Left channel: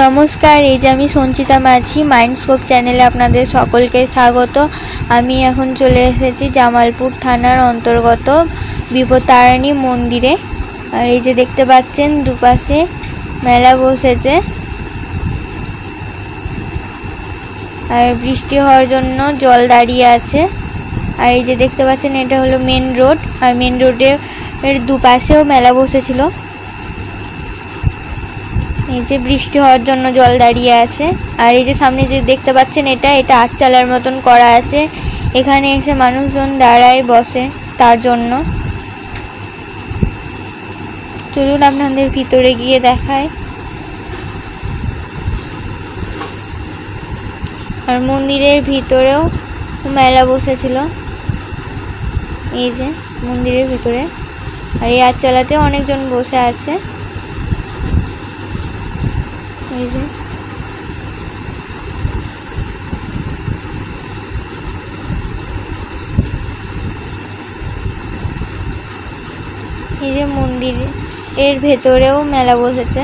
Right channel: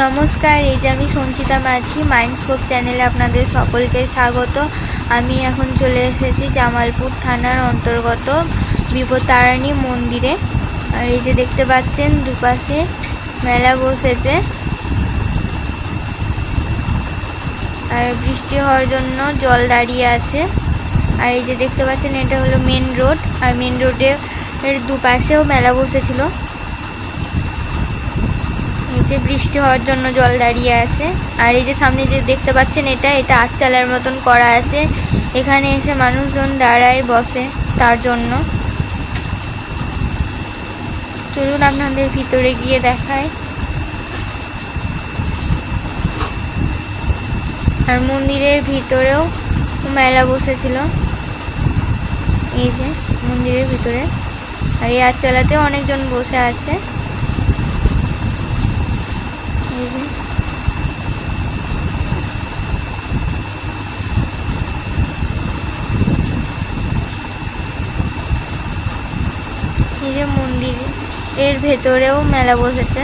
নমস্কার, এই যে আমি সঞ্চিতা মাঝি মাইন্ডস্কোপ চ্যানেলে আপনাদের সকলকে স্বাগত। আমি এখন চলে এসেছি জামালপুর থানার অন্তর্গত বিপত্তারিণী মন্দিরে। আর এই যে দেখতে পাচ্ছেন দুপাশে মেলা বসেছে, আর বৃষ্টি হওয়ার জন্য জল দাঁড়িয়ে আছে। আর এই যে দেখতে পাচ্ছেন এটা হলো মেন রোড, আর মেন রোডের দুপাশেও মেলা বসেছিল। এই যে বৃষ্টি হওয়ার জন্য জল দাঁড়িয়ে আছে। আর এই যে সামনে যে দেখতে পাচ্ছেন এটা আটচালার মতন করা আছে, এখানে এসে মানুষজন দাঁড়ায় বসে তার জন্য। চলুন আপনাদের ভিতরে গিয়ে দেখায়। আর মন্দিরের ভিতরেও মেলা বসেছিল, এই যে মন্দিরের ভিতরে। আর এই আটচালাতেও অনেকজন বসে আছে। এই যে মন্দিরের ভেতরেও মেলা বসেছে।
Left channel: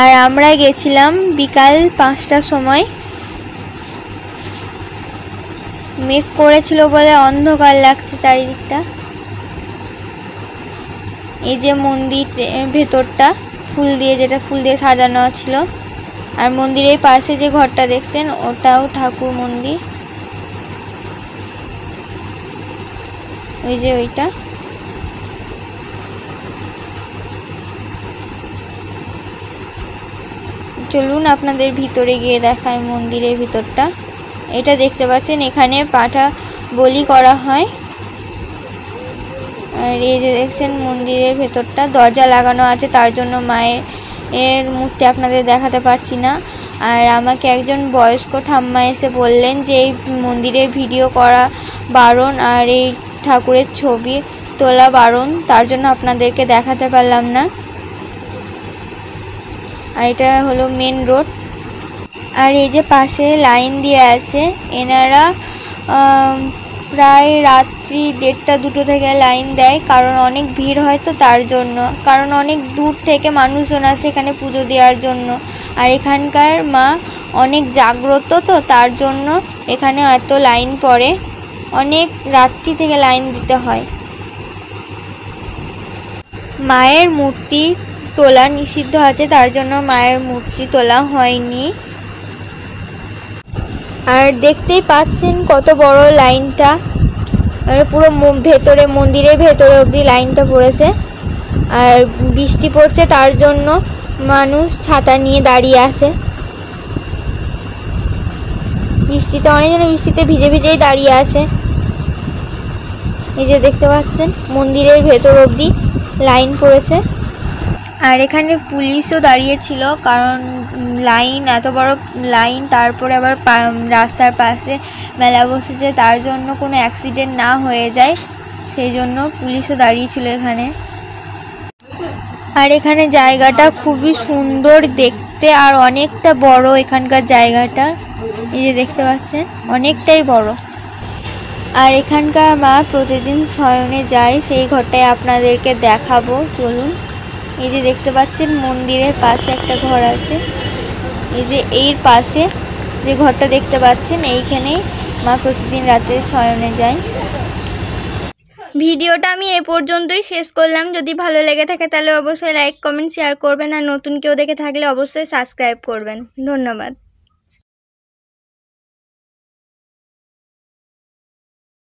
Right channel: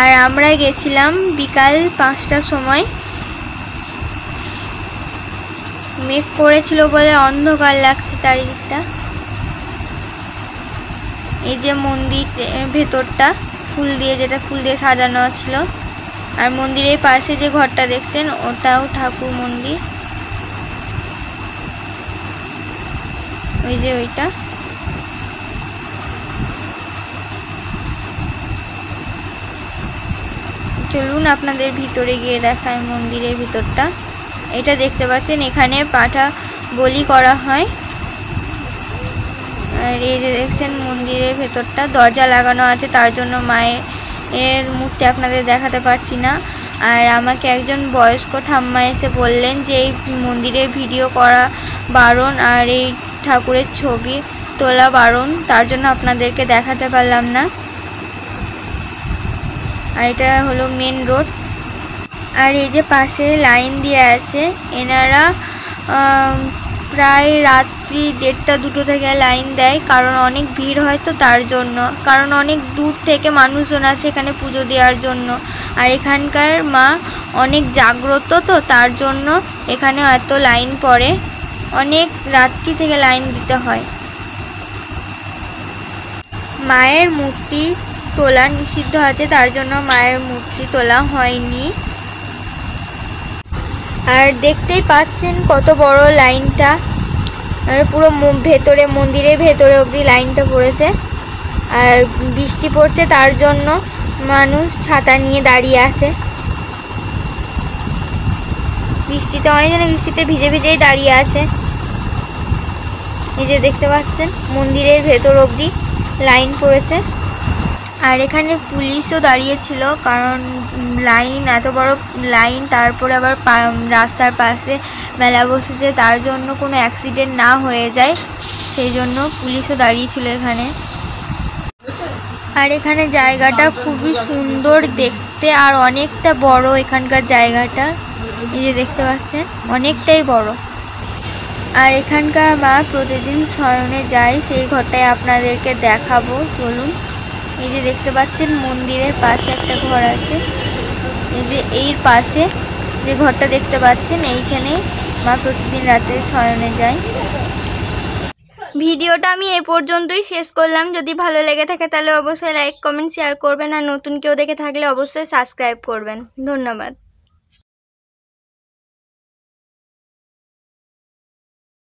আর আমরা গেছিলাম বিকাল 5টার সময়। মেঘ করেছিল বলে অন্ধকার লাগছে চারিদিকটা। এই যে মন্দির ভেতরটা ফুল দিয়ে সাজানো ছিল। আর মন্দিরের পাশে যে ঘরটা দেখছেন ওটাও ঠাকুর মন্দির, ওই যে ওইটা। চলুন আপনাদের ভিতরে গিয়ে দেখায় মন্দিরের ভিতরটা। এটা দেখতে পাচ্ছেন এখানে পাঠা বলি করা হয়। আর এই যে দেখছেন মন্দিরের ভেতরটা দরজা লাগানো আছে, তার জন্য মায়ের মূর্তি আপনাদের দেখাতে পারছি না। আর আমাকে একজন বয়স্ক ঠাম্মা এসে বললেন যে এই মন্দিরে ভিডিও করা বারণ, আর এই ঠাকুরের ছবি তোলা বারণ, তার জন্য আপনাদেরকে দেখাতে পারলাম না। আর এটা হলো মেন রোড। আর এই যে পাশে লাইন দিয়ে আছে, এনারা প্রায় রাত্রি 1:30-2 থেকে লাইন দেয়, কারণ অনেক ভিড় হয় তো তার জন্য। কারণ অনেক দূর থেকে মানুষজন আসে এখানে পুজো দেওয়ার জন্য। আর এখানকার মা অনেক জাগ্রত তো তার জন্য এখানে এত লাইন পড়ে, অনেক রাত্রি থেকে লাইন দিতে হয়। মায়ের মূর্তি তোলা নিষিদ্ধ আছে, তার জন্য মায়ের মূর্তি তোলা হয়নি। আর দেখতেই পাচ্ছেন কত বড় লাইনটা, আর পুরো ভেতরে মন্দিরের ভেতরে অবধি লাইনটা পড়েছে। আর বৃষ্টি পড়ছে তার জন্য মানুষ ছাতা নিয়ে দাঁড়িয়ে আছে। অনেকজনে বৃষ্টিতে ভিজে ভিজেই দাঁড়িয়ে আছে। এই যে দেখতে পাচ্ছেন মন্দিরের ভেতর অবধি লাইন পড়েছে। আর এখানে পুলিশও দাঁড়িয়েছিল, কারণ লাইন এত বড় লাইন, তারপরে আবার রাস্তার পাশে মেলা বসেছে, তার জন্য কোনো অ্যাক্সিডেন্ট না হয়ে যায় সেই জন্য পুলিশও দাঁড়িয়েছিল এখানে। আর এখানে জায়গাটা খুবই সুন্দর দেখতে, আর অনেকটা বড় এখানকার জায়গাটা। এই যে দেখতে পাচ্ছেন অনেকটাই বড়। আর এখানকার মা প্রতিদিন শয়নে যায়, সেই ঘরটায় আপনাদেরকে দেখাবো, চলুন। এই যে দেখতে পাচ্ছেন মন্দিরের পাশে একটা ঘর আছে, এই যে এর পাশে যে ঘরটা দেখতে পাচ্ছেন এইখানেই মা প্রতিদিন রাতে শয়নে যায়। ভিডিওটা আমি এই পর্যন্তই শেষ করলাম। যদি ভালো লেগে থাকে তাহলে অবশ্যই লাইক, কমেন্ট, শেয়ার করবেন। আর নতুন কেউ দেখে থাকলে অবশ্যই সাবস্ক্রাইব করবেন। ধন্যবাদ।